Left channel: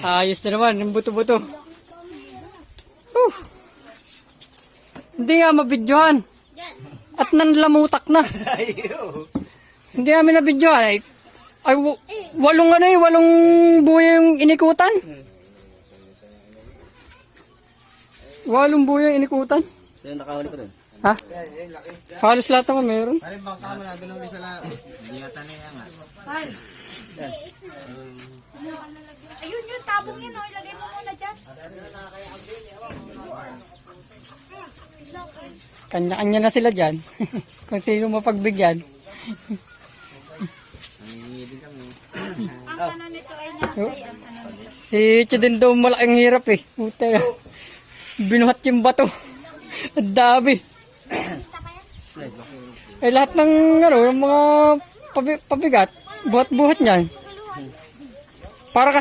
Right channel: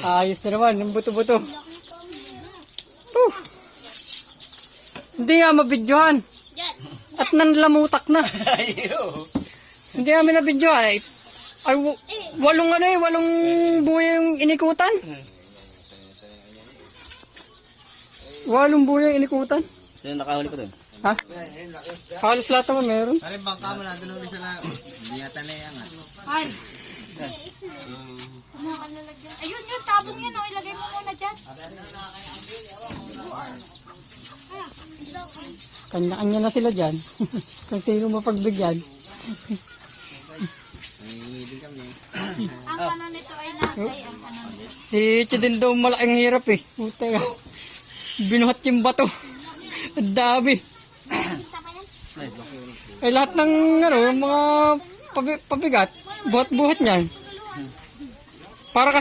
Ayos na naman, yung buto-buto. Hindi nga mabidyohan. At nanlamutak na. Hindi namin nabidyohan. Ay, walong ano eh, walong buya yung inikutan. Walong buya yung inikutan. Sino nakahuli ko dun? Ha? Halos lahat naman meron. Parin bangka mo na, doon ulit sila. Hindi yata na yan. Fine. Ayun yun, tabong yun. Oh. Ilagay mo muna dyan. Kanya-kanya na sila dyan. Kung sino mapagbigyan. Ang ano nito ay nasay. Ang ano nito. Si Ichi din daw malaking hirap eh. Puta. Binuhat yung bato. Ang dami. Eh lahat ng ano, mga pabigat, buhat-buhat niyan. Para kasi